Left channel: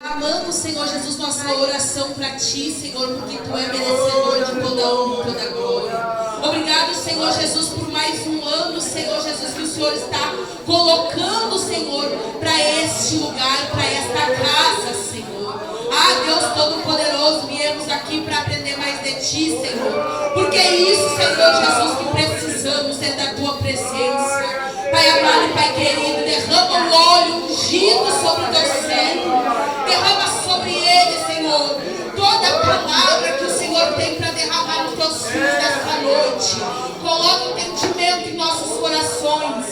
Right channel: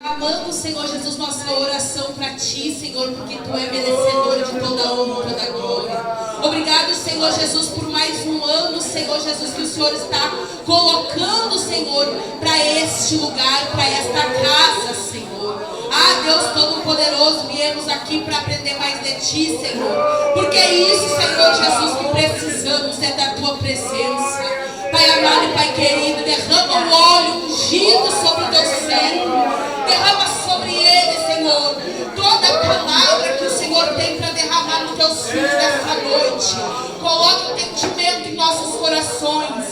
Amando, Senhor Jesus, nossa oração para Ti, Senhor, porque Tu é merecedor de toda honra e toda glória. Obrigado, Senhor Jesus, por mais um ano, Senhor Jesus, que o Senhor está colocando, Senhor, para este lugar, para esta casa, Senhor. Ah, Deus Todo-Poderoso, viemos aqui para aprender mais de Ti, Senhor. Porque é isso, Senhor Jesus, que precisamos, é da Tua presença. Pai amado e Pai querido, derrama o óleo ungido sobre o Teu servo. Derrama sobre ele, Senhor, toda a palavra que o Senhor tem para derramar nos Teus filhos nesta noite. Coloca o entendimento em nossos corações.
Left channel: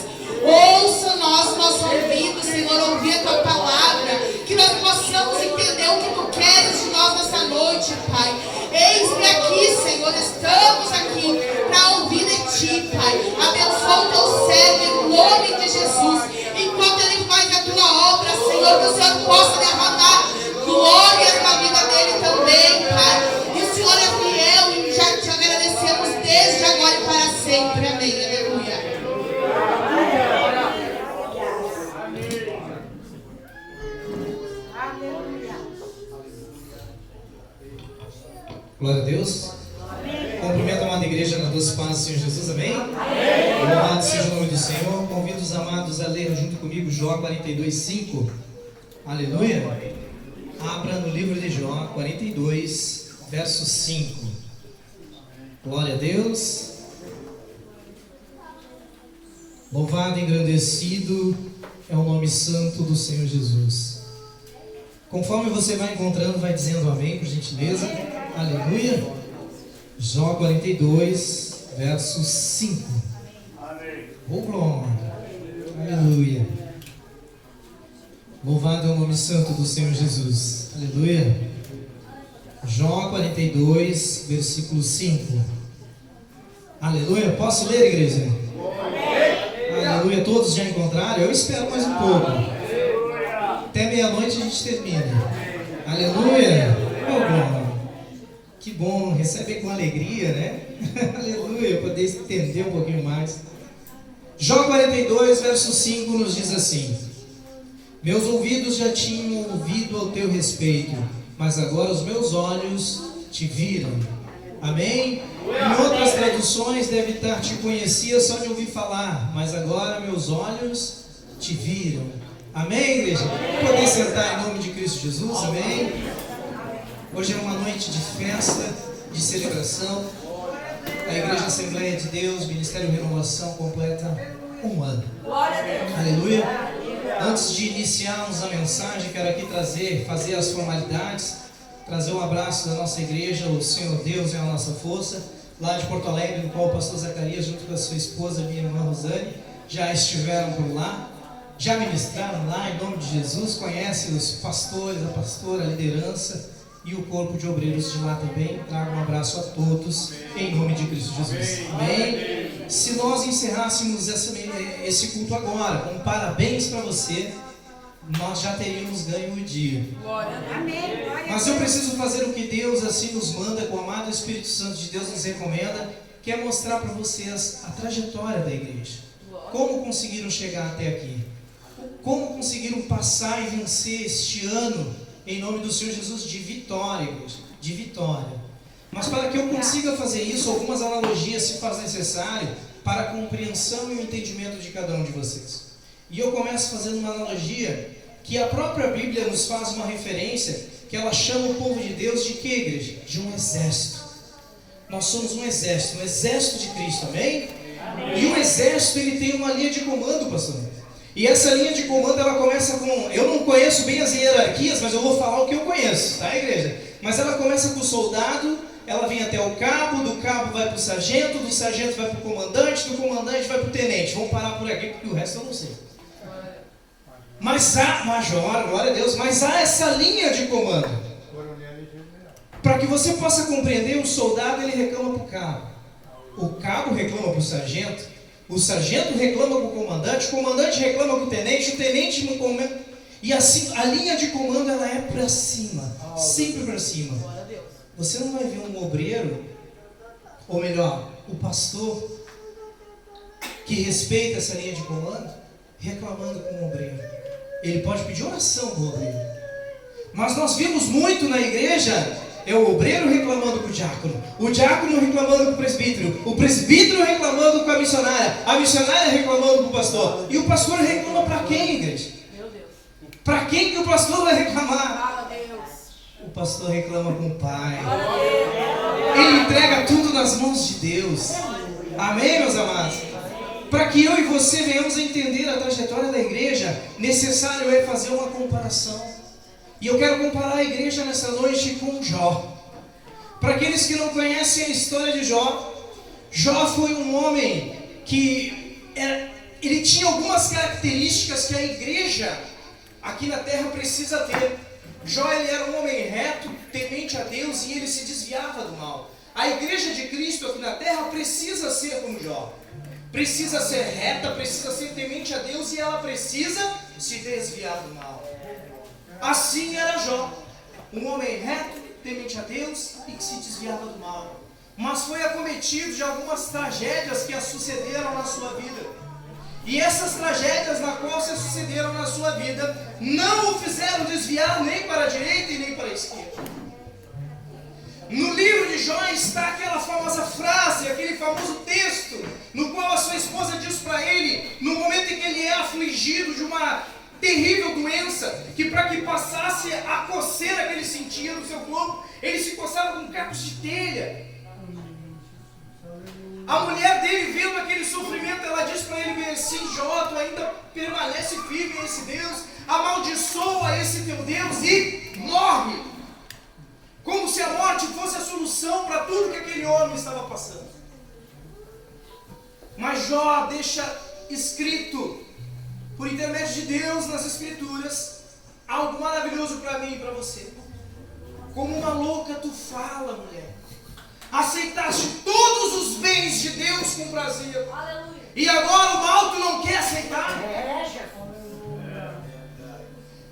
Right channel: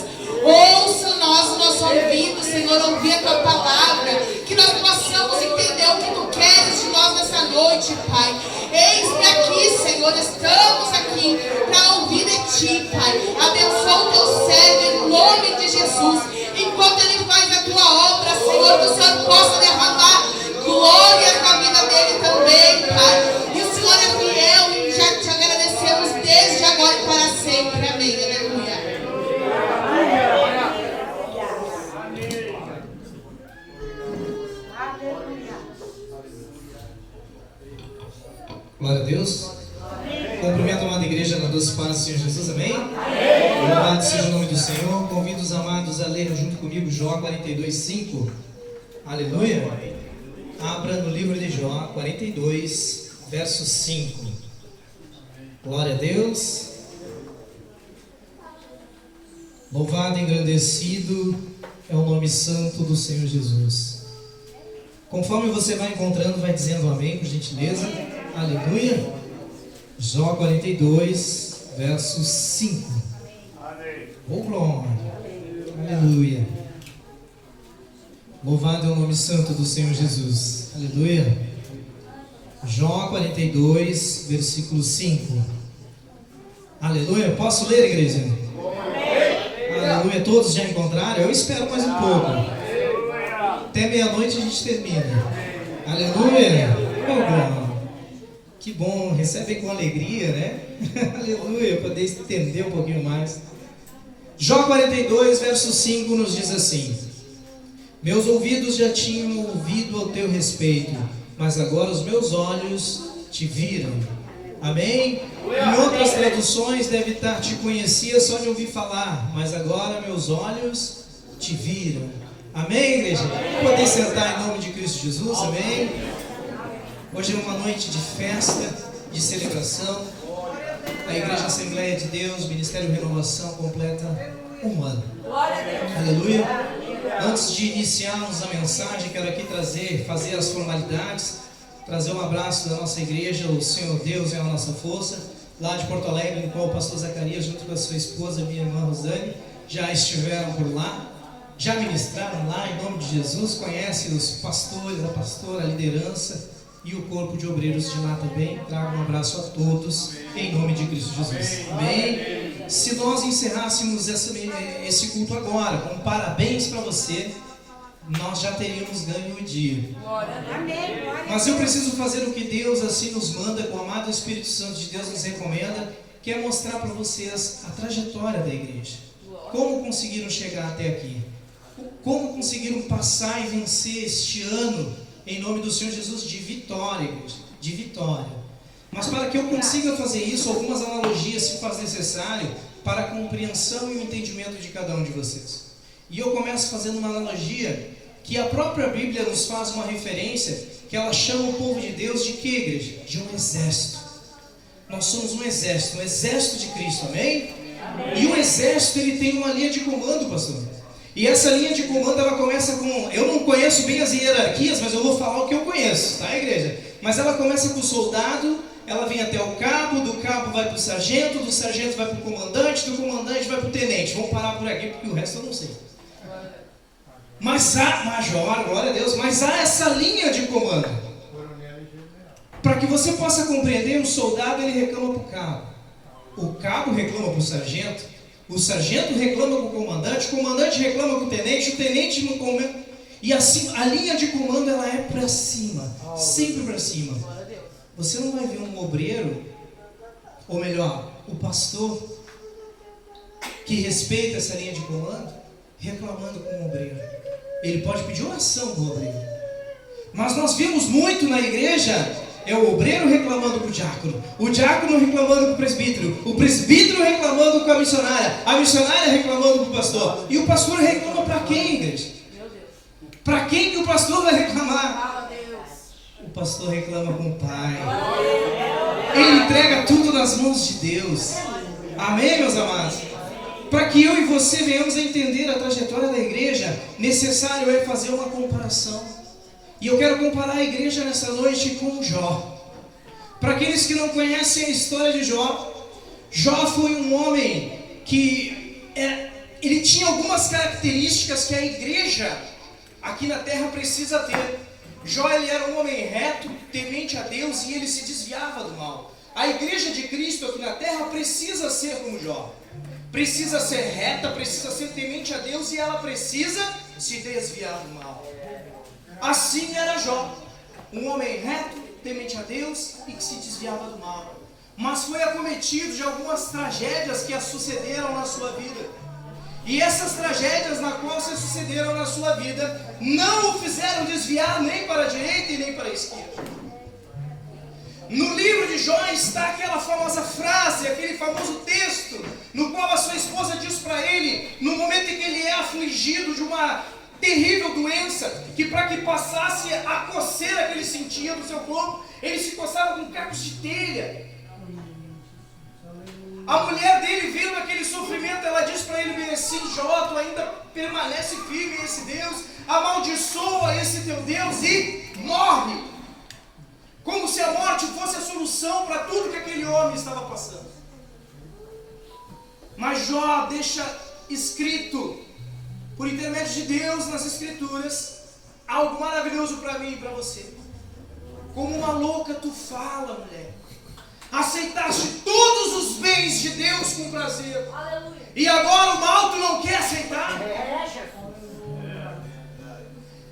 Ouça nosso ouvido, Senhor, ouvir a Tua palavra. Que nós possamos entender o que Tu queres de nós nessa noite, Pai. Eis-me aqui, Senhor, estamos aqui para ouvir de Ti, Pai. Abençoa o Teu servo em nome de Jesus. Enquanto ele faz a Tua obra, Senhor, que o Senhor possa derramar glórias na vida dele também, Pai. E o Senhor é fiel e já te agradecemos desde agora e para sempre. Amém. Aleluia. Glória a Deus. Cumprimento a amada igreja na doce paz do Senhor Jesus, amém? Louvado seja o nome do Senhor. Convido os amados a ler junto comigo Jó 42:5. Aleluia. Abra no livro de Jó 42, verso 5. Glória a Deus. Louvado e engrandecido é o nome santo do Senhor Jesus. Conforme você vai encontrando, vai dizendo amém, por gentileza. Aleluia. Jó 42, verso 5. Oh, glória. Aleluia. Louvado é o nome santo do Senhor Jesus. Aleluia. Jó 42, versículo 5. Aleluia. Posso ler, igreja? Aleluia. Todos já encontraram? Eu espero mais um pouco. Até meia-noite a gente termina. Aleluia. Oh, glória. Que bom, recebe com alegria, né? Aleluia, poder estender um pouquinho mais. Jó 42, verso 5 nos diz assim: meus ouvidos já tinham ouvido ao teu respeito, mas agora os meus olhos te viram. Amém? Em outras traduções deve estar: te conhecia só de ouvir falar, mas agora meus olhos te viram. Amém, igreja? Poder sentar em nome de Cristo Jesus, amém? Hoje é uma noite de festa, de celebração. A Igreja Assembleia de Deus, Ministério Renovação, completa um ano. Aleluia. Antes de iniciarmos a mensagem, quero aqui fazer as formalidades, trazer um abraço da nossa igreja, o Senhor Deus é a nossa força, lá de Porto Alegre, no qual o pastor Zacarias, junto com a sua esposa, minha irmã Rosane, já estiveram por lá, já ministraram lá, em nome de Jesus, conhecem os pastores, a pastora, a liderança, e o corpo de obreiros de lá também. Trago um abraço a todos, em nome de Cristo Jesus. Amém? Se nós encerrássemos esse culto agora, com parabéns para você, nós já teríamos ganho o dia. Mas eu preciso fazer o que Deus assim nos manda, com o amado Espírito Santo de Deus nos recomenda, que é mostrar para vocês a trajetória da igreja. Como conseguiram chegar até aqui? Como conseguiram passar e vencer este ano, em nome do Senhor Jesus, de vitória, igreja, de vitória. Mas para que eu consiga fazer isso, algumas analogias se faz necessário para a compreensão e o entendimento de cada um de vocês. E eu começo fazendo uma analogia que a própria Bíblia nos faz uma referência, que ela chama o povo de Deus de que, igreja? De um exército. Nós somos um exército de Cristo, amém? E o exército, ele tem uma linha de comando, pastor. E essa linha de comando, ela começa com... Eu não conheço bem as hierarquias, mas eu vou falar o que eu conheço, tá, igreja? Mas ela começa com o soldado, ela vem até o cabo, do cabo vai para o sargento, do sargento vai para o comandante, do comandante vai para o tenente. Vamos parar por aqui, porque o resto eu não sei. Mas há, major, glória a Deus, mas há essa linha de comando. Para que você possa compreender, um soldado, ele reclama para o cabo. O cabo reclama para o sargento reclama com o comandante reclama com o tenente no comando. E assim, a linha de comando, ela é para cima, sempre para cima. Você não vai ver um obreiro, ou melhor, o pastor, que respeita essa linha de comando, reclamando com o obreiro. Ele pode pedir oração com o obreiro, Mas nós vimos muito na igreja, é o obreiro reclamando com o diácono reclamando com o presbítero reclamando com a missionária reclamando com o pastor. E o pastor reclama para quem, igreja? Para quem que o pastor vai reclamar? O pastor reclama com o Pai. Ele entrega tudo nas mãos de Deus. Amém, meus amados? Para que eu e você venhamos a entender a trajetória da igreja, necessário é fazer uma comparação. E eu quero comparar a igreja nessa noite com Jó. Para aqueles que não conhecem a história de Jó, Jó foi um homem que ele tinha algumas características que a igreja aqui na terra precisa ter. Jó, ele era um homem reto, temente a Deus, e ele se desviava do mal. A igreja de Cristo aqui na terra precisa ser como Jó. Precisa ser reta, precisa ser temente a Deus, e ela precisa se desviar do mal. Assim era Jó, um homem reto, temente a Deus e que se desviava do mal. Mas foi acometido de algumas tragédias que sucederam na sua vida. E essas tragédias na qual se sucederam na sua vida não o fizeram desviar nem para a direita e nem para a esquerda. No livro de Jó está aquela famosa frase, aquele famoso texto, no qual a sua esposa diz para ele, no momento em que ele é afligido de uma terrível doença, que para que passasse a coceira que ele sentia no seu corpo, ele se coçava com cacos de telha. A mulher dele, vendo aquele sofrimento, ela diz para ele bem assim: Jó, tu ainda permanece firme em esse Deus, amaldiçoa esse teu Deus e morre. Como se a morte fosse a solução para tudo que aquele homem estava passando. Mas Jó deixa escrito, por intermédio de Deus nas Escrituras, algo maravilhoso para mim e para você. Como uma louca tu fala, mulher. Aceitaste todos os bens de Deus com prazer. Aleluia. E agora o mal tu não quer aceitar?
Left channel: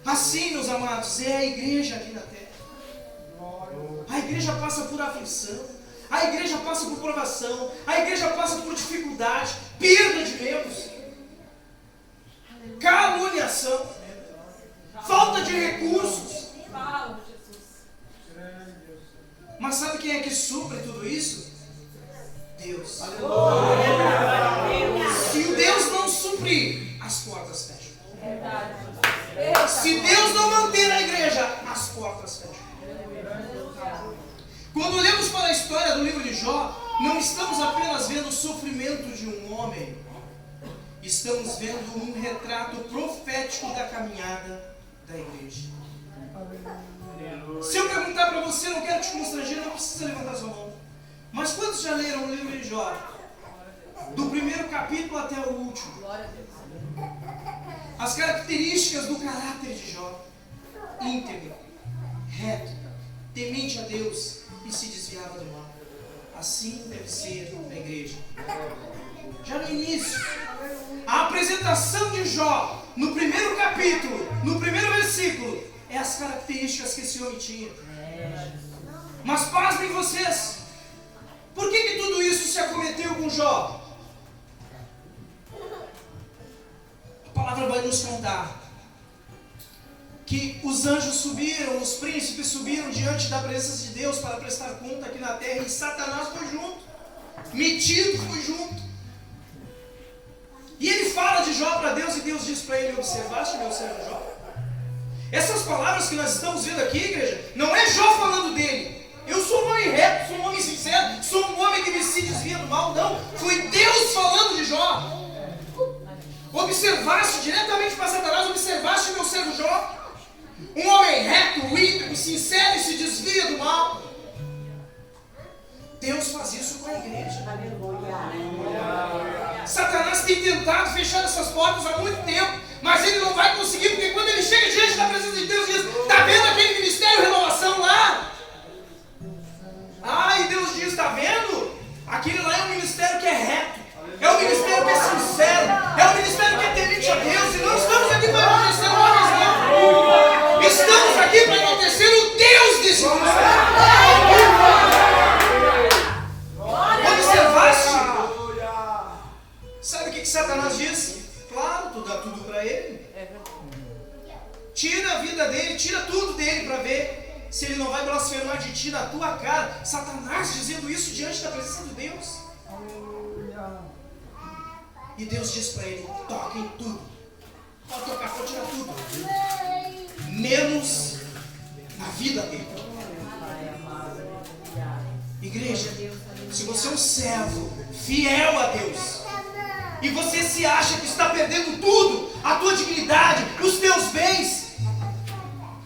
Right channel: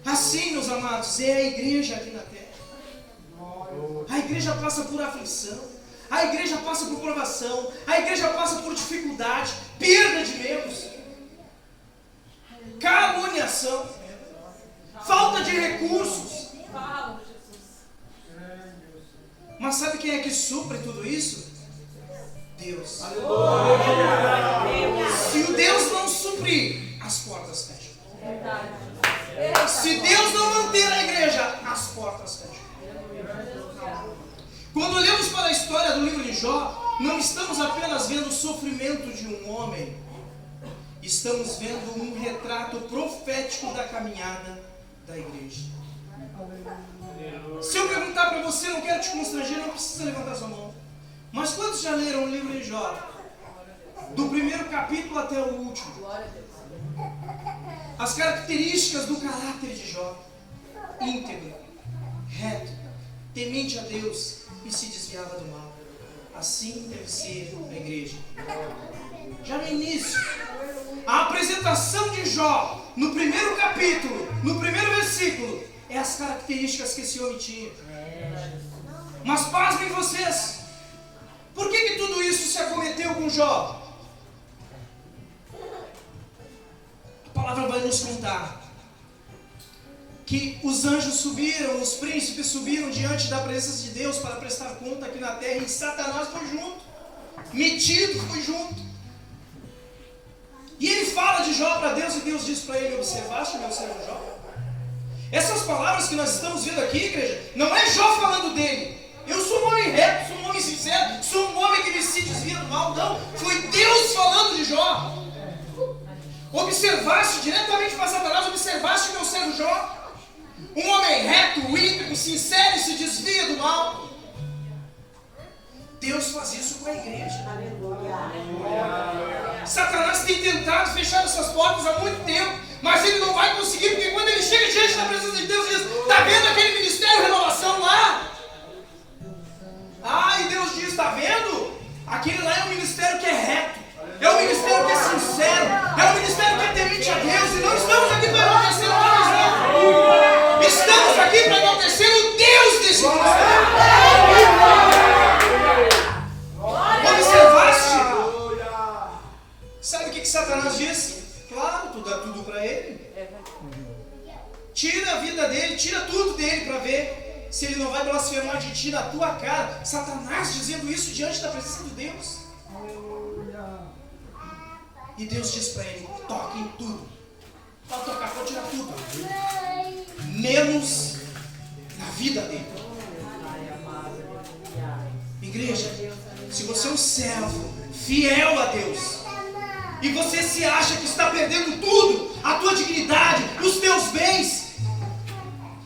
Assim, meus amados, é a igreja aqui na terra. A igreja passa por aflição, a igreja passa por provação, a igreja passa por dificuldade, perda de membros, caluniação, falta de recursos. Mas sabe quem é que supre tudo isso? Deus. Se o Deus não suprir, as portas fecham. Se Deus não manter a igreja, as portas fecham. Quando olhamos para a história do livro de Jó, não estamos apenas vendo o sofrimento de um homem, estamos vendo um retrato profético da caminhada da igreja. Se eu perguntar para você, não quero te constranger, não precisa levantar sua mão. Mas quantos já leram o livro de Jó? Do primeiro capítulo até o último. As características do caráter de Jó: íntegro, reto, temente a Deus e se desviava do mal. Assim deve ser a igreja. Já no início, a apresentação de Jó, no primeiro capítulo, no primeiro versículo, é as características que esse homem tinha. Mas pasmem vocês, por que tudo isso se acometeu com Jó? A palavra vai nos contar que os anjos subiram, os príncipes subiram diante da presença de Deus para prestar conta aqui na terra, e Satanás foi junto, metido foi junto. E ele fala de Jó para Deus, e Deus diz para ele: observaste meu servo Jó? Essas palavras que nós estamos vendo aqui, igreja, não é Jó falando dele. Eu sou um homem reto, sou um homem sincero, sou um homem que me se desvia do mal. Não, foi Deus falando de Jó. Observaste diretamente para Satanás, observaste meu servo Jó? Um homem reto, íntegro, sincero e se desvia do mal. Deus faz isso com a igreja. Satanás tem tentado fechar essas portas há muito tempo, mas ele não vai conseguir, porque quando ele chega diante da presença de Deus, ele diz: está vendo aquele ministério renovação lá? Ah, e Deus diz: está vendo? Aquele lá é um ministério que é reto, é um ministério que é sincero, é um ministério que é temente a Deus. E não estamos aqui para enaltecer homens, não. Estamos aqui para enaltecer o Deus desse ministério. Observaste? Sabe o que Satanás diz? Claro, tu dá tudo para ele. Tira a vida dele, tira tudo dele. se ele não vai blasfemar de ti na tua cara. Satanás dizendo isso diante da presença de Deus. E Deus diz para ele: toca em tudo. Pode tocar, pode tirar tudo, menos na vida dele. Igreja, se você é um servo fiel a Deus e você se acha que está perdendo tudo, a tua dignidade, os teus bens,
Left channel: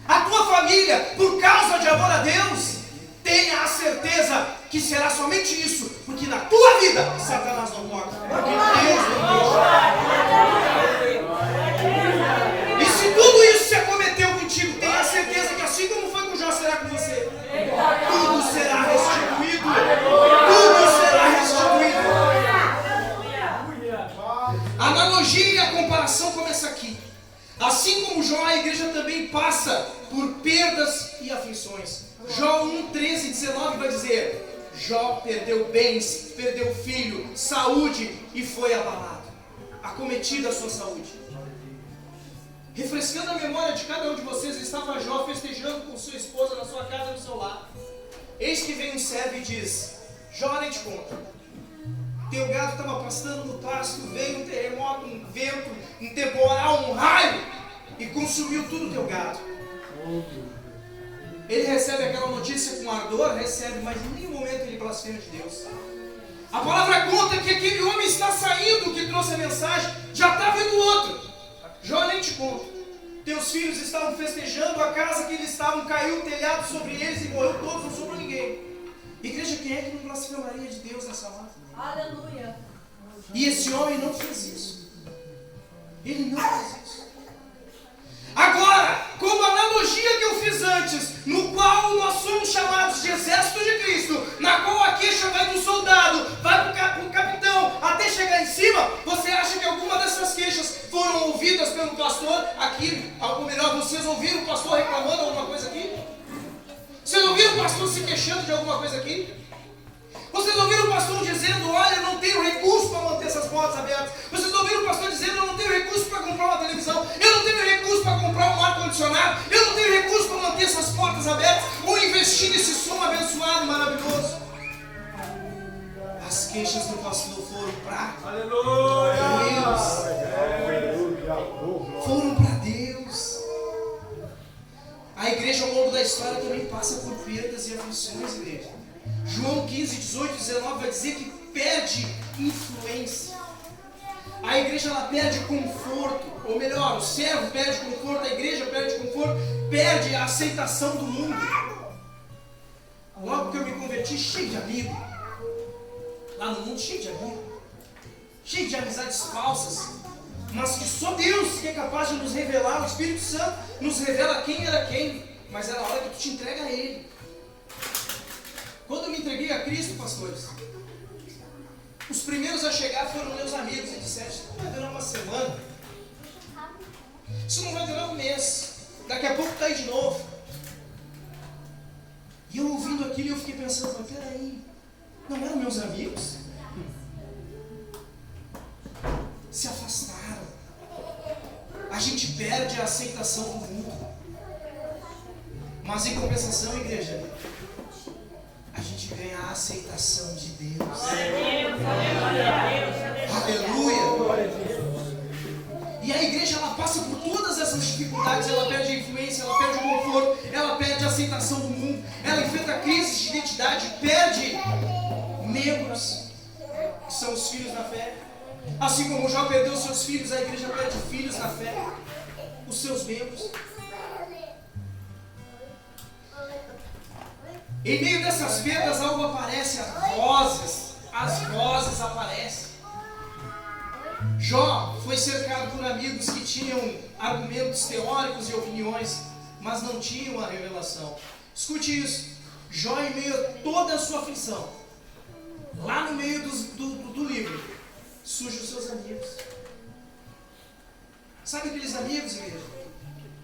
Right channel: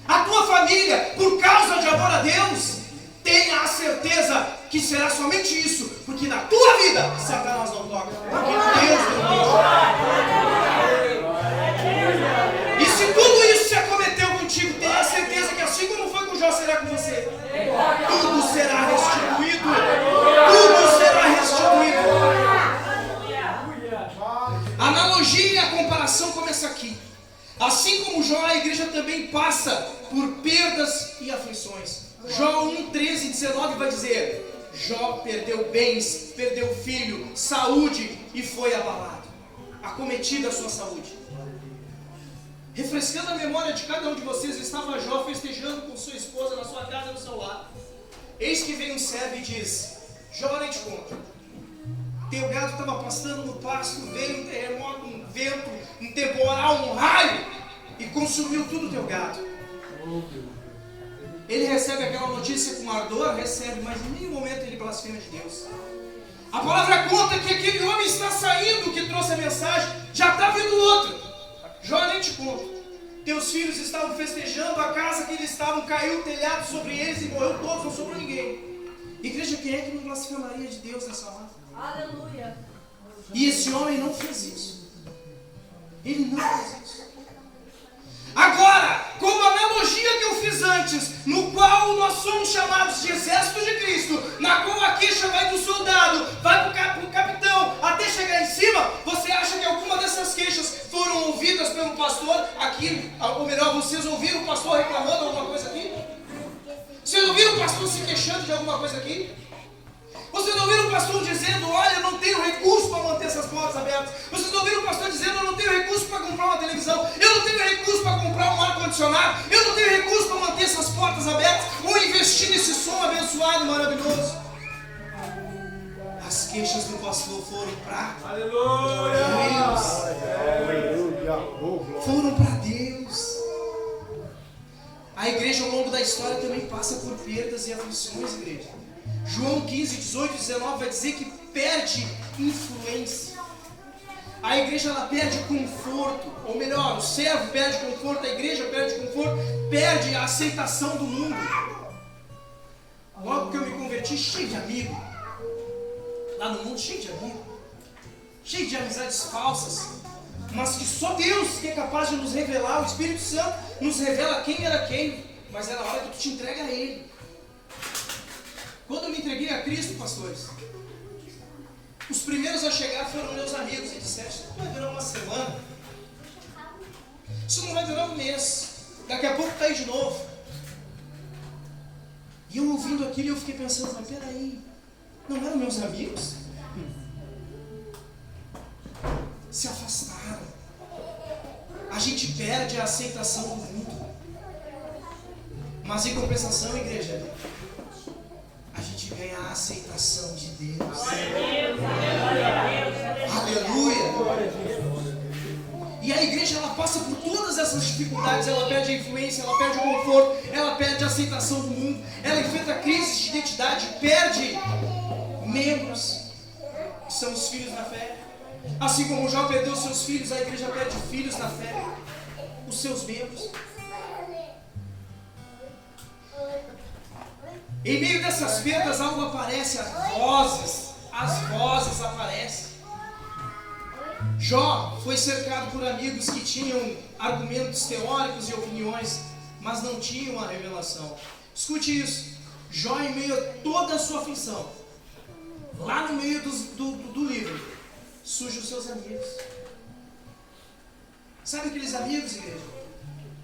a tua família, por causa de amor a Deus, tenha a certeza que será somente isso, porque na tua vida Satanás não toca, porque Deus não toca. E se tudo isso se acometeu contigo, tenha a certeza que assim como foi com Jó, será com você. Tudo será restituído. Tudo será restituído. A analogia e a comparação começa aqui. Assim como Jó, a igreja também passa por perdas e aflições. Jó 1, 13 e 19 vai dizer: Jó perdeu bens, perdeu filho, saúde e foi abalado. Acometida a sua saúde. Refrescando a memória de cada um de vocês, estava Jó festejando com sua esposa na sua casa do seu lar. Eis que vem um servo e diz: Jó, nem te conto. Teu gado estava pastando no pasto, veio um terremoto, um vento, um temporal, um raio e consumiu tudo o teu gado. Ele recebe aquela notícia com ardor, recebe, mas em nenhum momento ele blasfema de Deus. A palavra conta que aquele homem está saindo, que trouxe a mensagem, já está vindo outro. Jó, nem te conto. Teus filhos estavam festejando, a casa que eles estavam caiu o telhado sobre eles e morreu todos, não sobrou ninguém. Igreja, quem é que não blasfemaria de Deus nessa hora? Aleluia. E esse homem não fez isso. Ele não fez isso. Agora, como a analogia que eu fiz antes, no qual nós somos chamados de exército de Cristo, na qual a queixa vai do soldado, vai para o capitão, até chegar em cima, você acha que alguma dessas queixas foram ouvidas pelo pastor aqui? Ou melhor, vocês ouviram o pastor reclamando alguma coisa aqui? Vocês ouviram o pastor se queixando de alguma coisa aqui? Vocês ouviram o pastor dizendo: olha, eu não tenho recurso para manter essas portas abertas? Vocês ouviram o pastor dizendo: eu não tenho recurso para comprar uma televisão, eu não tenho recurso para comprar um ar-condicionado, eu não tenho recurso para manter essas portas abertas, ou investir nesse som abençoado e maravilhoso? As queixas do pastor foram para Deus. Foram para Deus. A igreja ao longo da história também passa por perdas e aflições, igreja. João 15, 18 e 19 vai dizer que perde influência. A igreja ela perde conforto, ou melhor, o servo perde conforto, a igreja perde conforto, perde a aceitação do mundo. Logo que eu me converti, cheio de amigo, lá no mundo cheio de amigo, cheio de amizades falsas, mas que só Deus que é capaz de nos revelar, o Espírito Santo nos revela quem era quem, mas era a hora que tu te entrega a Ele. Quando eu me entreguei a Cristo, pastores, os primeiros a chegar foram meus amigos e disseram: isso não vai durar uma semana, isso não vai durar um mês, daqui a pouco está aí de novo. E eu ouvindo aquilo, eu fiquei pensando: mas peraí, não eram meus amigos? Se afastaram. A gente perde a aceitação do mundo, mas em compensação, igreja, a gente ganha a aceitação de Deus. Aleluia. E a igreja ela passa por todas essas dificuldades. Ela perde a influência, ela perde o conforto, ela perde a aceitação do mundo, ela enfrenta crises de identidade, perde membros, que são os filhos da fé. Assim como Jó perdeu seus filhos, a igreja perde filhos na fé, os seus membros. Em meio dessas perdas algo aparece, as vozes aparecem. Jó foi cercado por amigos que tinham argumentos teóricos e opiniões, mas não tinham a revelação. Escute isso: Jó, em meio a toda a sua aflição, lá no meio do livro, surgem os seus amigos. Sabe aqueles amigos, igreja,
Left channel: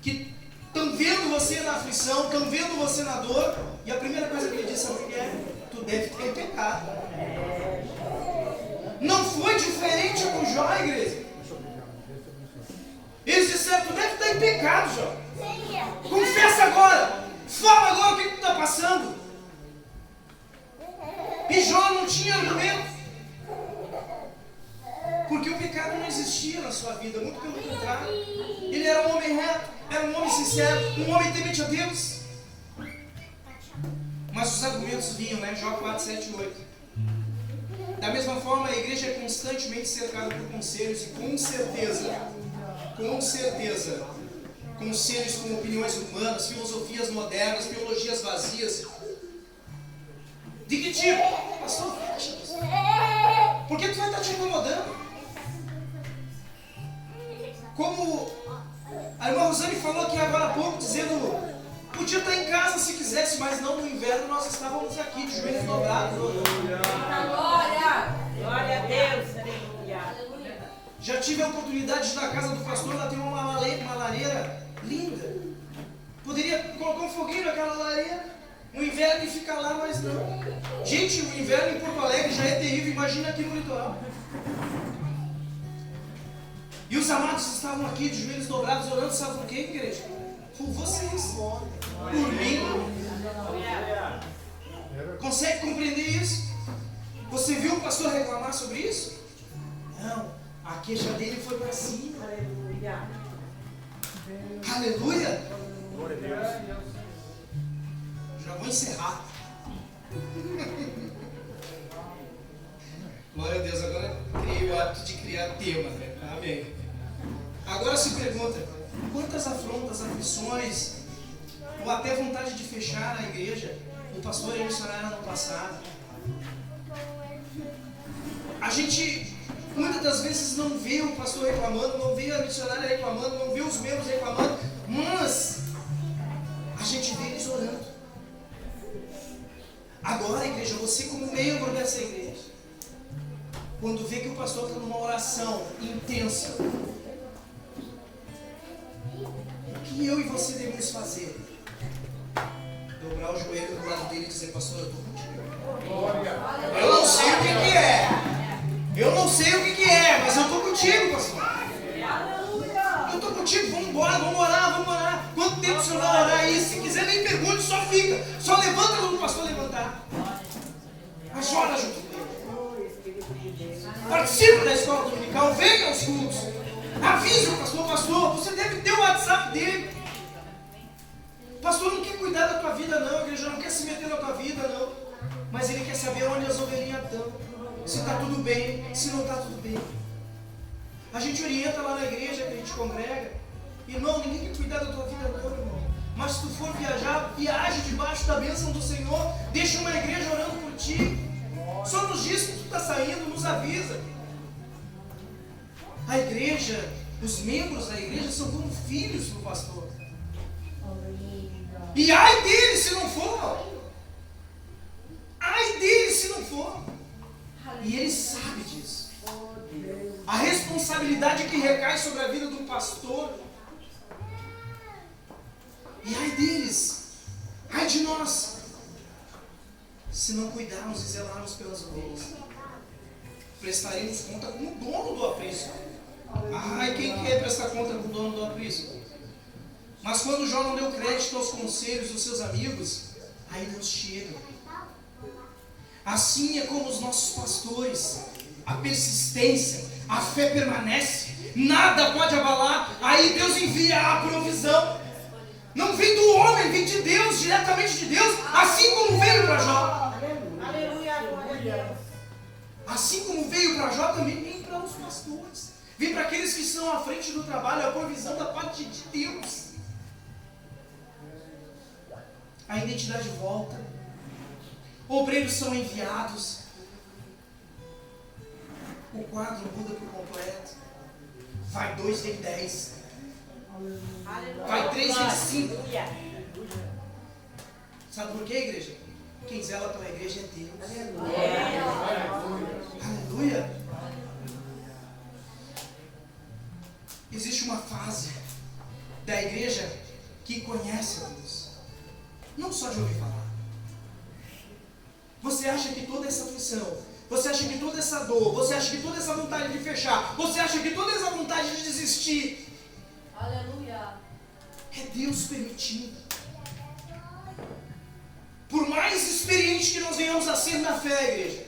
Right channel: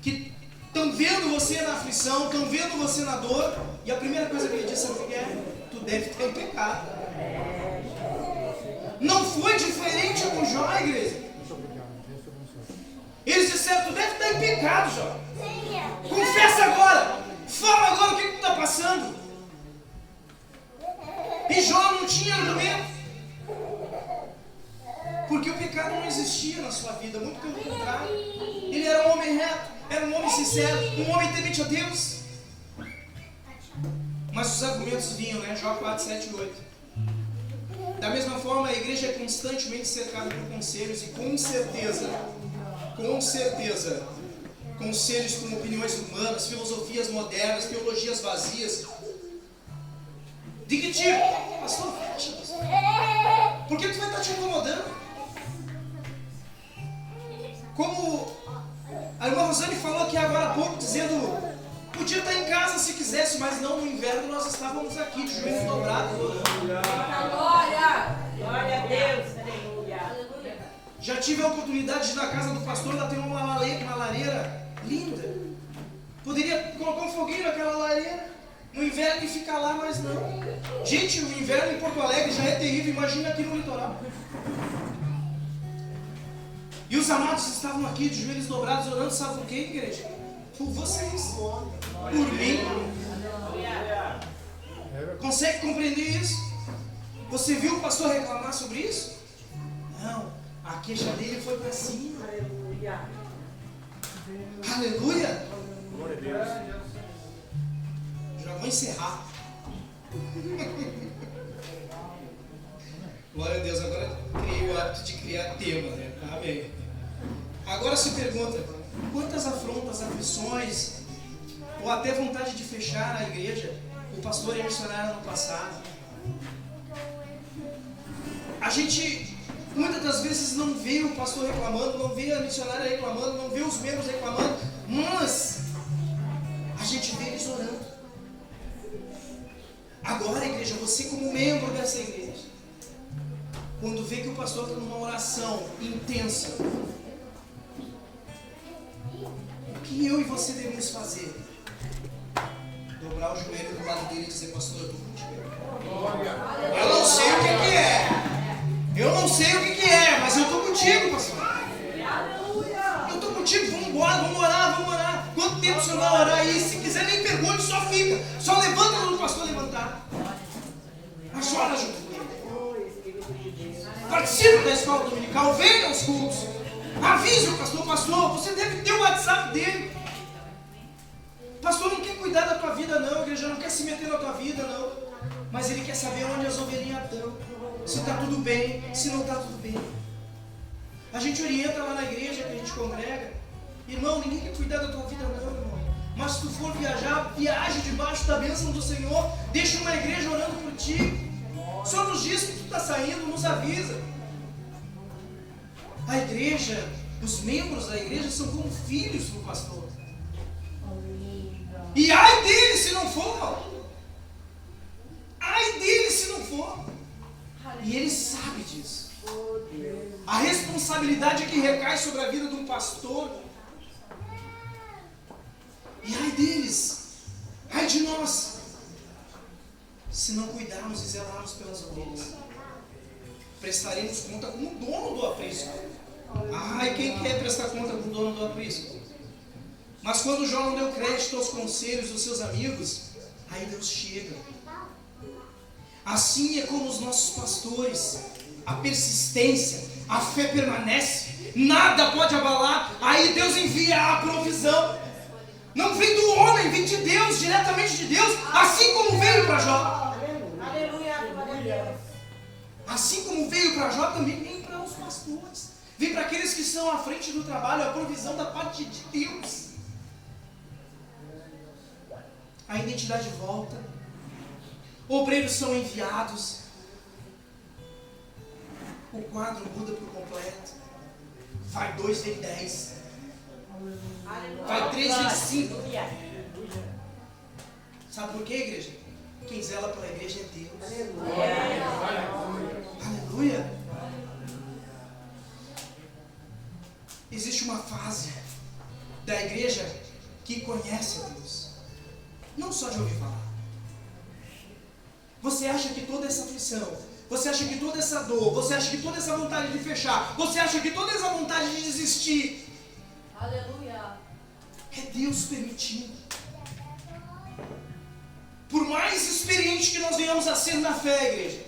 que estão vendo você na aflição, estão vendo você na dor, e a primeira coisa que ele disse: sabe o que é? Tu deve ter pecado. Não foi diferente com Jó, igreja. Eles disseram: tu deve estar em pecado, Jó. Confessa agora. Fala agora o vida, muito pelo contrário. Ele era um homem reto, era um homem sincero, um homem temente a Deus. Mas os argumentos vinham, né? Jó 4, 7 e 8. Da mesma forma, a igreja é constantemente cercada por conselhos e com certeza, conselhos com opiniões humanas, filosofias modernas, teologias vazias. De que tipo? Pastor, por que tu vai estar te incomodando? Como a irmã Rosane falou aqui agora há pouco, dizendo, podia estar em casa se quisesse, mas não, no inverno nós estávamos aqui de joelhos dobrados. Glória! Glória a Deus! Aleluia! Já tive a oportunidade de ir na casa do pastor, lá tem uma lareira linda. Poderia colocar um foguinho naquela lareira no inverno e ficar lá, mas não. Gente, o inverno em Porto Alegre já é terrível, imagina aqui no litoral. E os amados estavam aqui de joelhos dobrados, orando, sabe por quê, igreja? Por vocês, por mim. Consegue compreender isso? Você viu o pastor reclamar sobre isso? Não, a queixa dele foi para cima. Aleluia! Aleluia! Já vou encerrar. Glória a Deus, agora criei o hábito de criar tema, né? Amém. Agora se pergunta, quantas afrontas, aflições, ou até vontade de fechar a igreja, o pastor e a missionária no passado? A gente muitas das vezes não vê o pastor reclamando, não vê a missionária reclamando, não vê os membros reclamando, mas a gente vê eles orando. Agora, igreja, você como membro dessa igreja, quando vê que o pastor está numa oração intensa, o que eu e você devemos fazer? Dobrar o joelho do lado dele e dizer, pastor, eu estou contigo. Eu não sei o que é. Eu não sei o que é, mas eu estou contigo, pastor. Eu estou contigo, vamos embora, vamos orar. Quanto tempo o senhor vai orar aí? Se quiser, nem pergunte, só fica. Só levanta quando o pastor levantar. Mas ora junto com ele. Participe da escola dominical, venha aos cultos. Avise o pastor, você deve ter o WhatsApp dele. O pastor não quer cuidar da tua vida não, a igreja não quer se meter na tua vida não. Mas ele quer saber onde as ovelhinhas estão. Se está tudo bem, se não está tudo bem. A gente orienta lá na igreja que a gente congrega. Irmão, ninguém quer cuidar da tua vida não, irmão. Mas se tu for viajar, viaje debaixo da bênção do Senhor. Deixa uma igreja orando por ti. Só nos diz que tu está saindo, nos avisa. A igreja, os membros da igreja são como filhos do pastor. E ai dele se não for. Ai dele se não for. E ele sabe disso. A responsabilidade que recai sobre a vida de um pastor. E ai deles, ai de nós, se não cuidarmos e zelarmos pelas ovelhas. Prestaremos conta com o dono do aprisco. Ai, quem quer prestar conta com o dono do aprisco? Mas quando Jó não deu crédito aos conselhos dos seus amigos, aí Deus chega. Assim é como os nossos pastores, a persistência, a fé permanece, nada pode abalar, aí Deus envia a provisão. Não vem do homem, vem de Deus, diretamente de Deus, assim como veio para Jó. Aleluia! Assim como veio para Jó, também vem para os pastores. Vem para aqueles que estão à frente do trabalho, a provisão da parte de Deus. A identidade volta. Obreiros são enviados. O quadro muda por completo. Vai 2, vem 10. Vai 3, vem 5. Sabe por quê, igreja? Quem zela pela igreja é Deus. Aleluia. Existe uma fase da igreja que conhece a Deus. Não só de ouvir falar. Você acha que toda essa aflição, você acha que toda essa dor, você acha que toda essa vontade de fechar, você acha que toda essa vontade de desistir, Aleluia! é Deus permitindo. Por mais experiente que nós venhamos a ser na fé, igreja,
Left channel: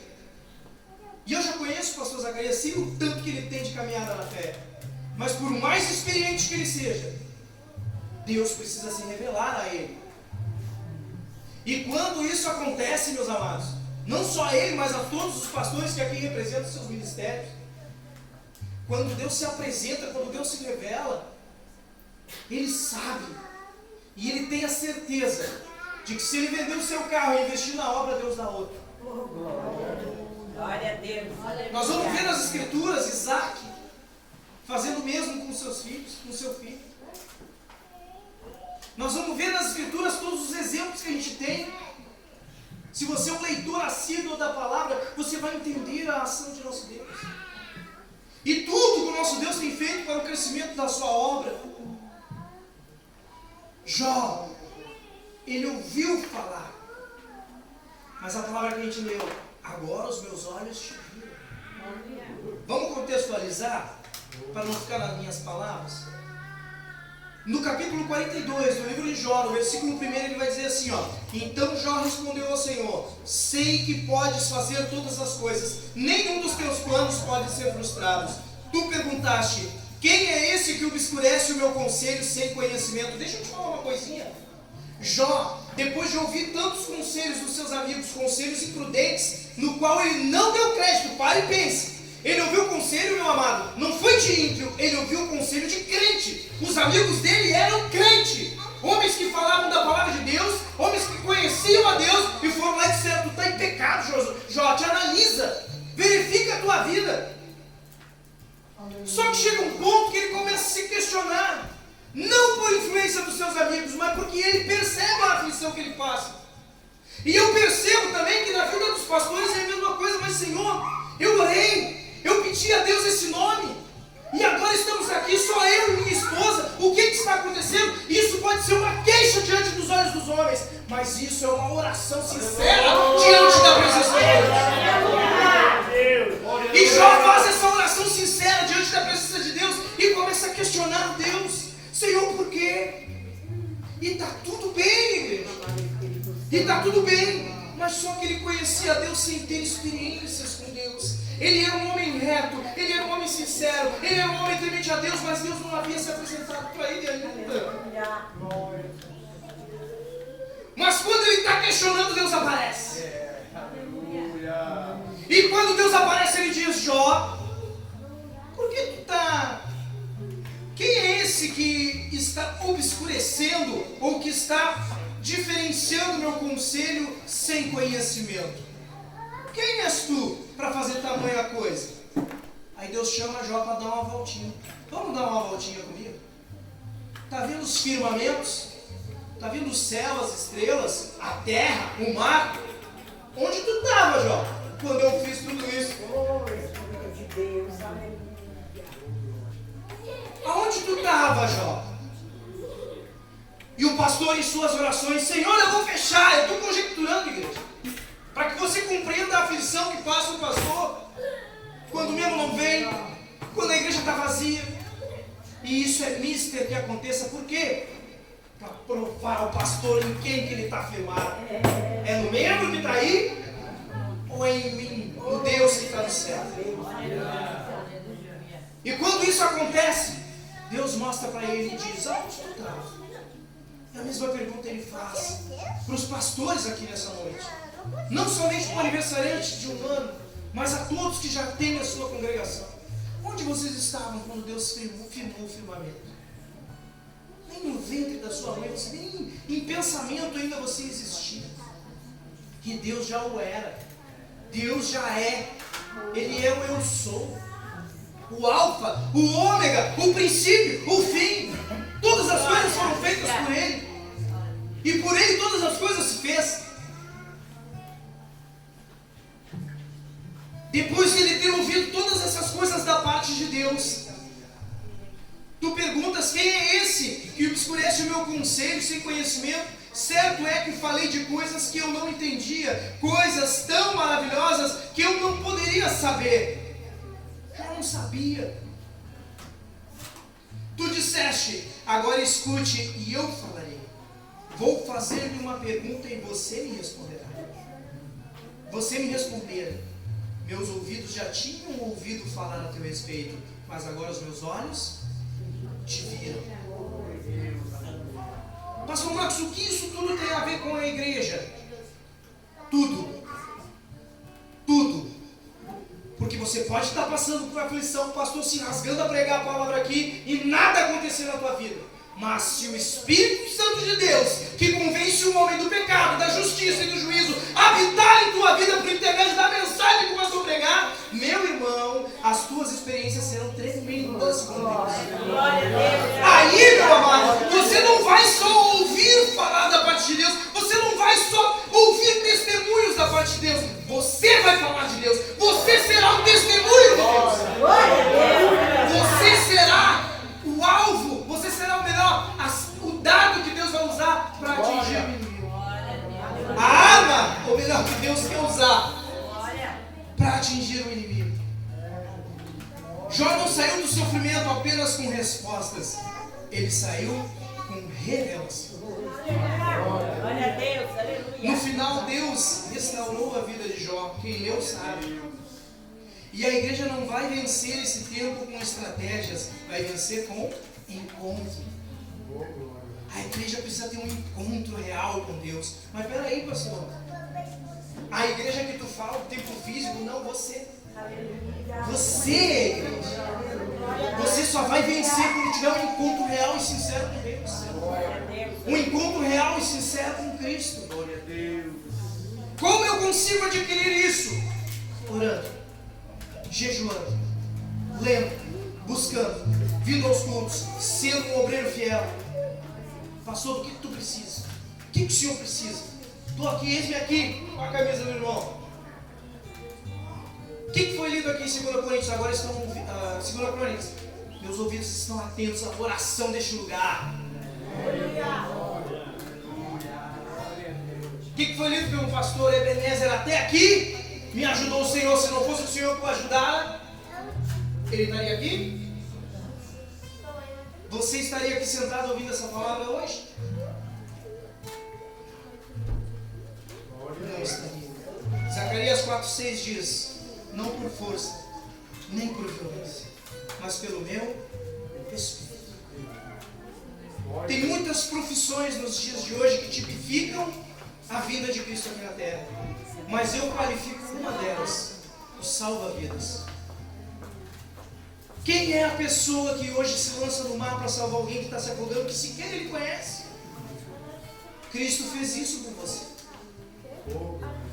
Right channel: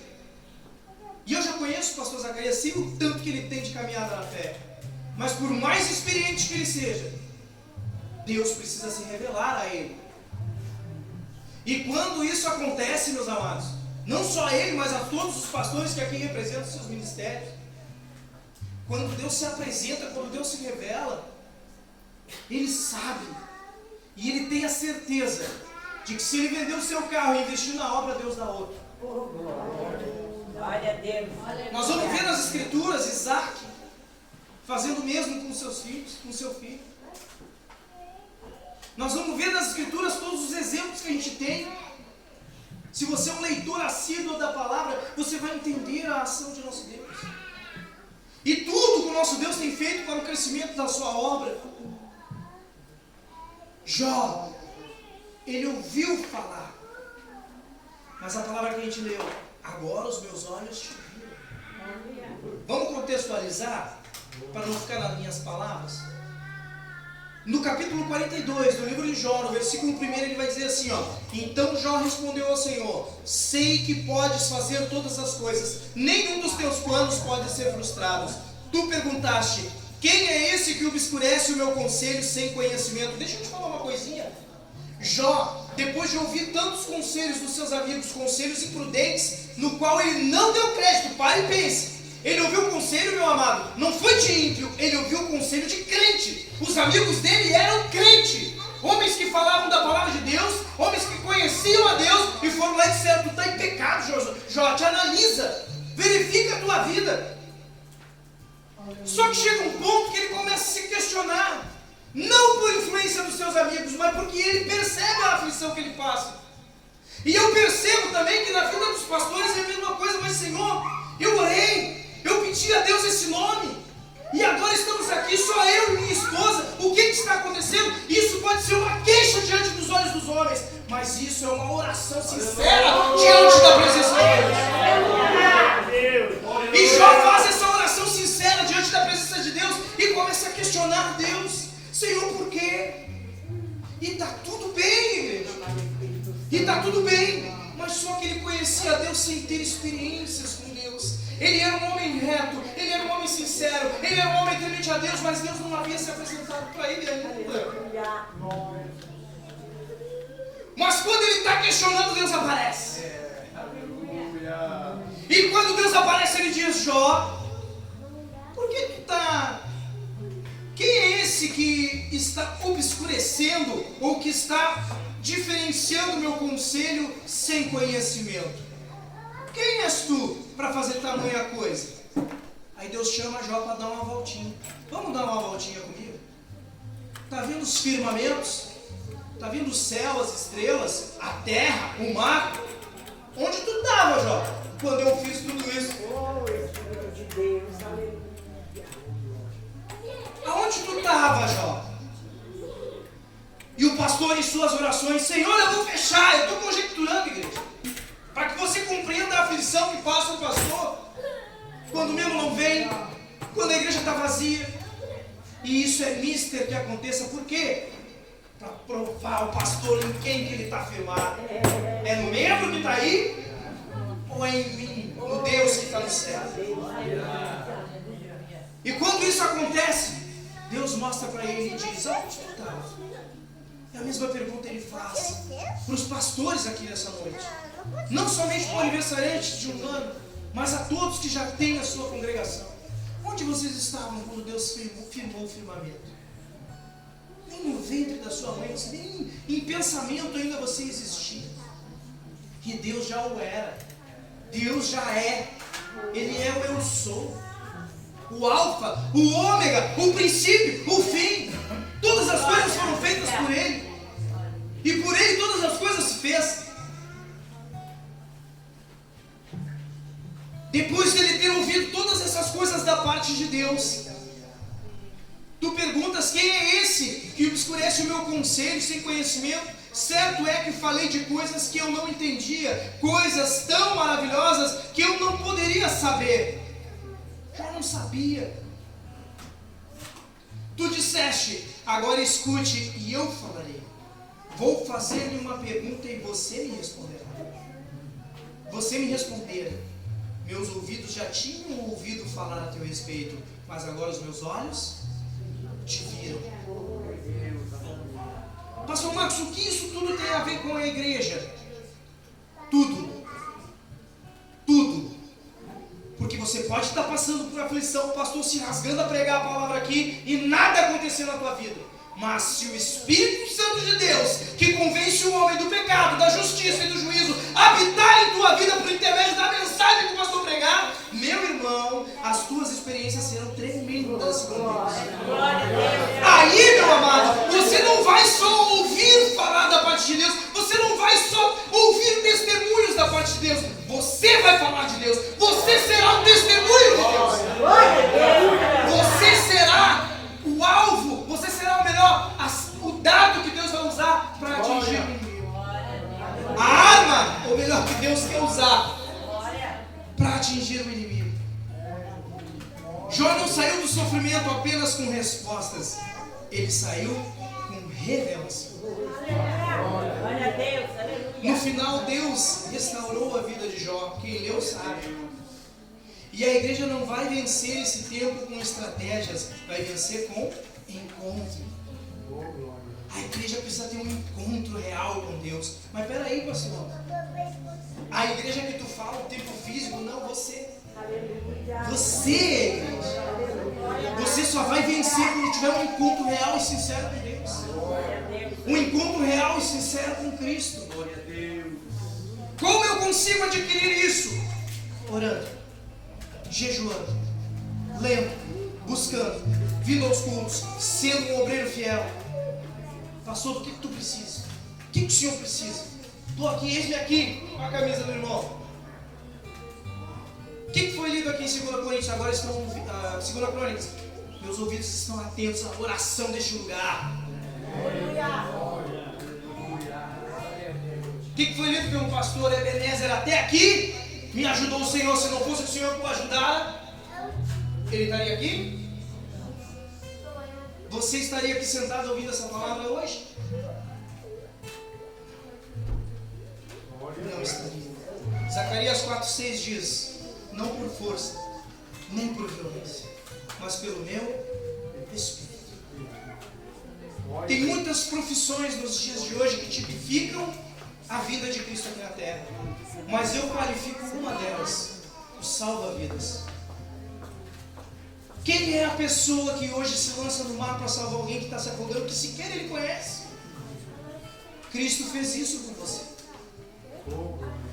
e eu já conheço o pastor Zacarias, sei o tanto que ele tem de caminhada na fé. Mas por mais experiente que ele seja, Deus precisa se revelar a ele. E quando isso acontece, meus amados, não só a ele, mas a todos os pastores que aqui representam seus ministérios, quando Deus se apresenta, quando Deus se revela, ele sabe e ele tem a certeza de que se ele vender o seu carro e investir na obra, Deus dá outro. Glória a Deus. Nós vamos ver nas Escrituras Isaac fazendo o mesmo com seus filhos, com seu filho. Nós vamos ver nas Escrituras todos os exemplos que a gente tem. Se você é um leitor assíduo da palavra, você vai entender a ação de nosso Deus. E tudo que o nosso Deus tem feito para o crescimento da sua obra. Jó, ele ouviu falar. Mas a palavra que a gente leu, agora os meus olhos te viram. Vamos contextualizar, para não ficar nas minhas palavras? No capítulo 42 do livro de Jó, no versículo 1, ele vai dizer assim, ó: então Jó respondeu ao Senhor: sei que podes fazer todas as coisas, nenhum dos teus planos pode ser frustrado. Tu perguntaste: quem é esse que obscurece o meu conselho sem conhecimento? Deixa eu te falar uma coisinha. Jó, depois de ouvir tantos conselhos dos seus amigos, conselhos imprudentes, no qual ele não deu crédito, pare e pense. Ele ouviu o conselho, meu amado, não foi de ímpio, ele ouviu o conselho de crente. Os amigos dele eram crente, homens que falavam da palavra de Deus, homens que conheciam a Deus e foram lá e disseram: tu está em pecado, Jó, te analisa, verifica a tua vida. Só que chega um ponto que ele começa a se questionar, não por influência dos seus amigos, mas porque ele percebe a aflição que ele passa. E eu percebo também que na vida dos pastores é a mesma coisa. Mas Senhor, eu orei, eu pedi a Deus esse nome, e agora estamos aqui, só eu e minha esposa. O que está acontecendo? Isso pode ser uma queixa diante dos olhos dos homens, mas isso é uma oração sincera diante da presença de Deus. E Jó faz essa oração sincera diante da presença de Deus e começa a questionar Deus: Senhor, por quê? E está tudo bem, igreja, e está tudo bem, mas só que ele conhecia a Deus sem ter experiências com Deus. Ele era um homem reto, ele era um homem sincero, ele era um homem temente a Deus, mas Deus não havia se apresentado para ele ainda. Mas quando ele está questionando, Deus aparece. E quando Deus aparece, ele diz: Jó, por que tu está... Quem é esse que está obscurecendo ou que está diferenciando meu conselho sem conhecimento? Quem és tu para fazer tamanha coisa? Aí Deus chama Jó para dar uma voltinha. Vamos dar uma voltinha comigo? Está vendo os firmamentos? Está vendo o céu, as estrelas, a terra, o mar? Onde tu estava, Jó, quando eu fiz tudo isso? Filho de Deus, aleluia. Aonde tu estava, Jó? E o pastor em suas orações: Senhor, eu vou fechar. Eu estou conjecturando, igreja, para que você compreenda a aflição que passa o pastor quando mesmo não vem, quando a igreja está vazia. E isso é mister que aconteça. Por quê? Para provar o pastor em quem que ele está firmado. É no membro que está aí? Ou é em mim, no Deus que está no céu? E quando isso acontece, Deus mostra para ele e diz: aonde tu estava? E a mesma pergunta ele faz para os pastores aqui nessa noite. Não somente para o aniversariante de um ano, mas a todos que já têm a sua congregação. Onde vocês estavam quando Deus firmou o firmamento? Nem no ventre da sua mãe, nem em pensamento ainda você existia. Que Deus já o era. Deus já é. Ele é o eu sou. O alfa, o ômega, o princípio, o fim. Todas as coisas foram feitas por Ele. E por Ele todas as coisas se fez. Depois de ele ter ouvido todas essas coisas da parte de Deus, tu perguntas: quem é esse que obscurece o meu conselho sem conhecimento? Certo é que falei de coisas que eu não entendia, coisas tão maravilhosas que eu não poderia saber. Eu não sabia. Tu disseste: agora escute e eu falarei. Vou fazer-lhe uma pergunta e você me responderá. Você me responder: meus ouvidos já tinham ouvido falar a teu respeito, mas agora os meus olhos te viram. Pastor Marcos, o que isso tudo tem a ver com a igreja? Tudo. Tudo. Porque você pode estar passando por aflição, o pastor se rasgando a pregar a palavra aqui e nada acontecer na tua vida. Mas se o Espírito Santo de Deus, que convence o homem do pecado, da justiça e do juízo, habitar em tua vida por intermédio da mensagem que o pastor pregar, meu irmão, as tuas experiências serão tremendas com Deus. Aí, meu amado, você não vai só ouvir falar da parte de Deus, você não vai só ouvir testemunhos da parte de Deus, você vai falar de Deus, você será um testemunho de Deus. Você será o alvo, você será o melhor, o dado que Deus vai usar para atingir o inimigo. A arma, ou melhor, que Deus quer usar para atingir o inimigo. Jó não saiu do sofrimento apenas com respostas, ele saiu com revelação. No final, Deus restaurou a vida de Jó. Quem leu sabe. E a igreja não vai vencer esse tempo com estratégias, vai vencer com encontro. A igreja precisa ter um encontro real com Deus. Mas peraí, pastor, a igreja que tu fala, o templo físico, não, você. Você é a igreja. Você só vai vencer quando tiver um encontro real e sincero com Deus. Um encontro real e sincero com Cristo. Como eu consigo adquirir isso? Orando, jejuando, lendo, buscando, vindo aos cultos, sendo um obreiro fiel. Pastor, o que tu precisa? O que o senhor precisa? Estou aqui, eis-me aqui, com a camisa do irmão. O que foi lido aqui em 2 Coríntios? Agora estão, 2 Coríntios. Meus ouvidos estão atentos à oração deste lugar. O que foi lido pelo pastor Ebenezer até aqui? Me ajudou o Senhor. Se não fosse o Senhor que o ajudara, ele estaria aqui? Você estaria aqui sentado ouvindo essa palavra hoje? Não estaria. Zacarias 4,6 diz: não por força, nem por violência, mas pelo meu Espírito. Tem muitas profissões nos dias de hoje que tipificam a vida de Cristo aqui na terra, mas eu qualifico uma delas: o salva-vidas. Quem é a pessoa que hoje se lança no mar para salvar alguém que está se afogando, que sequer ele conhece? Cristo fez isso com você.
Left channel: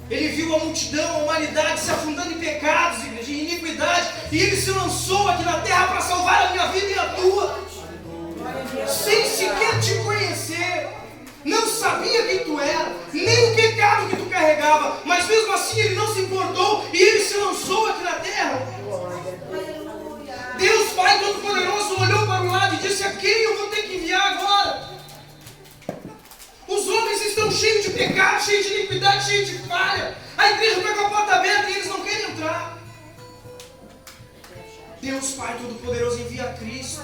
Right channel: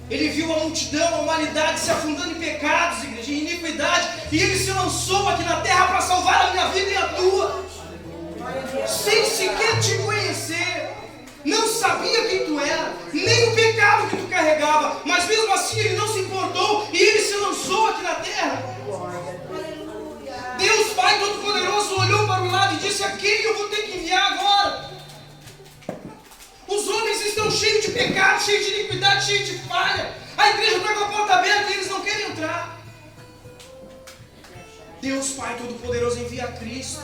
Ele viu a multidão, a humanidade se afundando em pecados, igreja, em iniquidade, e ele se lançou aqui na terra para salvar a minha vida e a tua, sem sequer te conhecer. Não sabia quem tu era, nem o pecado que tu carregava, mas mesmo assim ele não se importou e ele se lançou aqui na terra. Deus Pai Todo-Poderoso olhou para um lado e disse: a quem eu vou ter que enviar agora? Os homens estão cheios de pecado, cheios de iniquidade, cheios de falha. A igreja está com a porta aberta e eles não querem entrar. Deus Pai Todo-Poderoso envia Cristo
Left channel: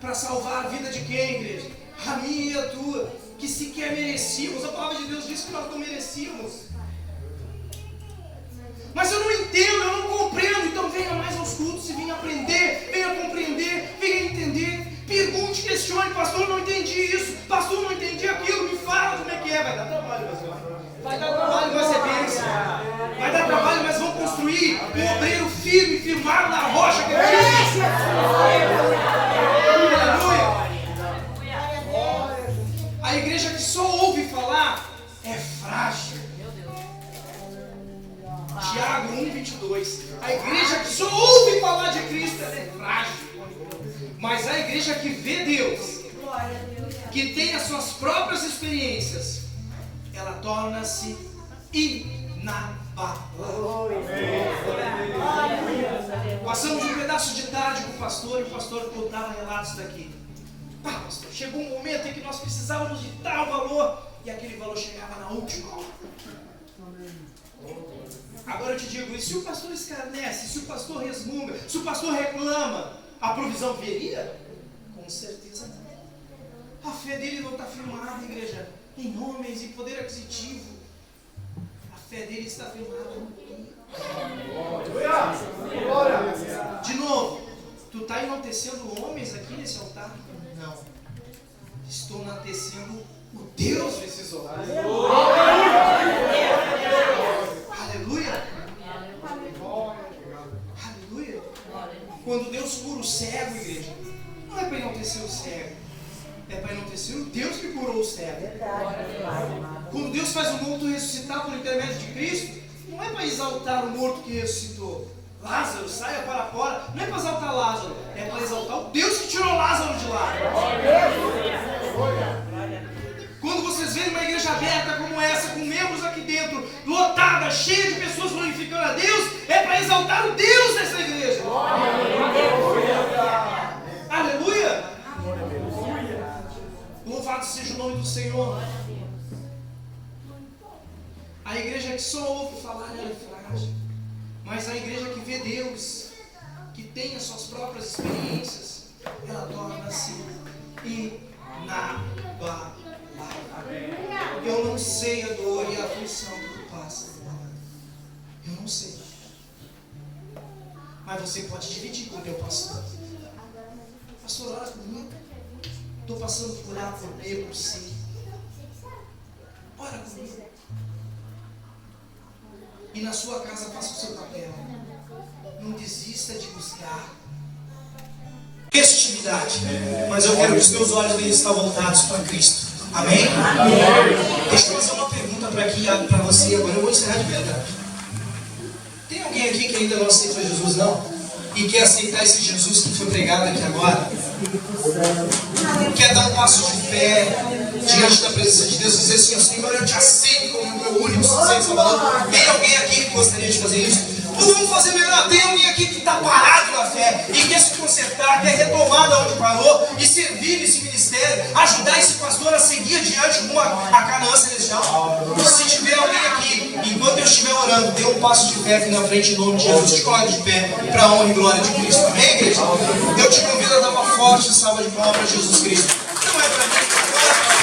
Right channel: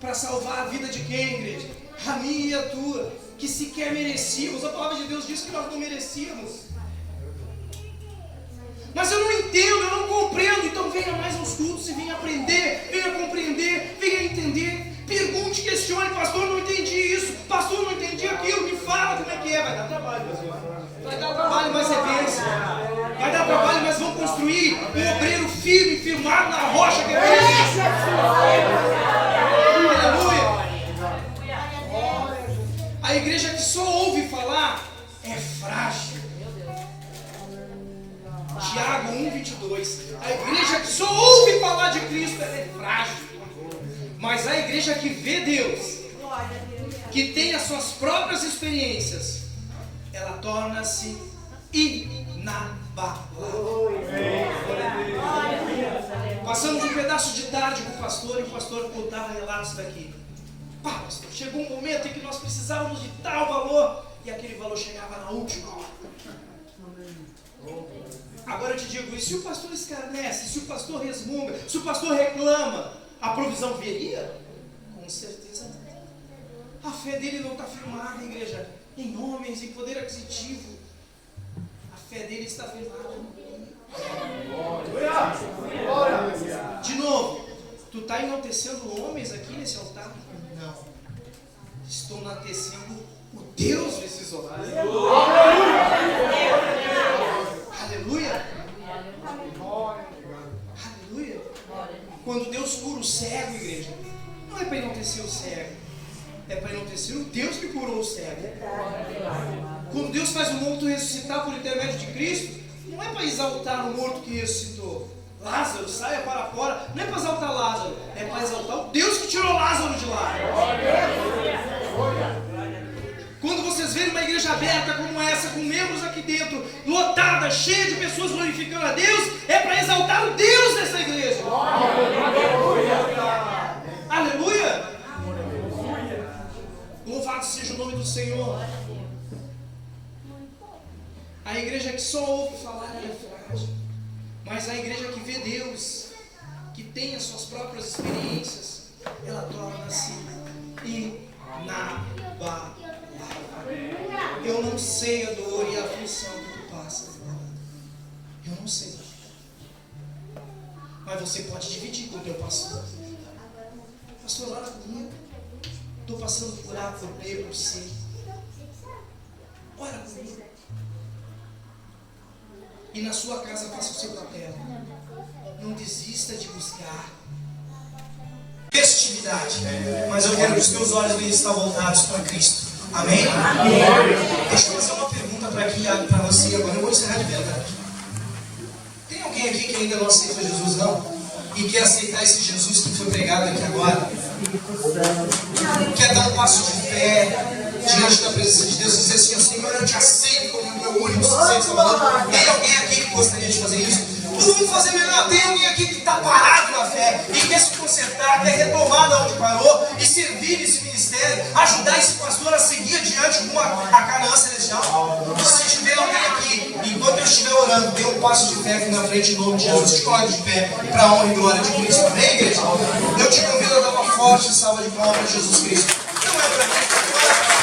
para salvar a vida de quem, igreja? A minha e a tua, que sequer merecíamos. A palavra de Deus diz que nós não merecíamos. Mas eu não entendo, eu não compreendo. Então venha mais aos cultos e venha aprender, venha compreender, venha entender. Pergunte, questione: pastor, não entendi isso, pastor, não entendi aquilo, me fala como é que é. Vai dar trabalho, meu senhor. Vai dar trabalho, vai ser bênção. Vai dar trabalho, mas vamos construir um obreiro firme, firmado na rocha que é Cristo. Aleluia. A igreja que só ouve falar é frágil. Tiago 1,22. A igreja que só ouve falar de Cristo é frágil. Mas a igreja que vê Deus, que tem as suas próprias experiências, ela torna-se inabalável. Passamos um pedaço de tarde com o pastor e o pastor contava relatos daqui. Pastor, chegou um momento em que nós precisávamos de tal valor e aquele valor chegava na última hora. Agora eu te digo, e se o pastor escarnece, se o pastor resmunga, se o pastor reclama, a provisão viria? Com certeza não. A fé dele não está firmada, igreja, em homens, em poder aquisitivo. A fé dele está firmada em mim. está enaltecendo homens aqui nesse altar? Não. Estou enaltecendo o Deus desses horários. Aleluia. Aleluia. Quando Deus cura o cego, igreja, não é para enaltecer o cego, é para enaltecer o Deus que curou o cego. Quando Deus faz o morto ressuscitar por intermédio de Cristo, não é para exaltar o morto que ressuscitou. Lázaro, saia para fora. Não é para exaltar Lázaro, é para exaltar o Deus que tirou Lázaro de lá. Quando vocês verem uma igreja aberta como essa, com membros aqui dentro, lotada, cheia de pessoas glorificando a Deus, é para exaltar o Deus dessa igreja. Aleluia! Louvado seja o nome do Senhor. A igreja que só ouve falar é frágil, mas a igreja que vê Deus, que tem as suas próprias experiências, ela torna-se inabalável. Eu não sei a dor e a aflição que tu passa. Eu não sei. Mas você pode dividir com o teu pastor. Pastor, ora comigo. Estou passando por A, por B, por C. Ora comigo. E na sua casa faça o seu papel. Não desista de buscar festividade. Mas eu quero que os teus olhos estejam voltados para Cristo. Amém? Amém? Deixa eu fazer uma pergunta para você agora. Eu vou encerrar de verdade. Tem alguém aqui que ainda não aceitou Jesus, não? E quer aceitar esse Jesus que foi pregado aqui agora? Quer dar um passo de fé diante da presença de Deus e dizer assim: Senhor, eu te aceito como meu único sujeito salvador? Tem alguém aqui que gostaria de fazer isso? Então vamos fazer melhor. Tem alguém aqui que está parado na fé e quer se consertar, quer retomar da onde parou e servir nesse ministério, ajudar esse pastor a seguir adiante rumo a Canaã Celestial? Se tiver alguém aqui, enquanto eu estiver orando, dê um passo de fé aqui na frente em nome de Jesus. Te coloque de pé para a honra e glória de Cristo. Amém, igreja? Eu te convido a dar uma forte salva de palmas para Jesus Cristo. Não é para mim, é para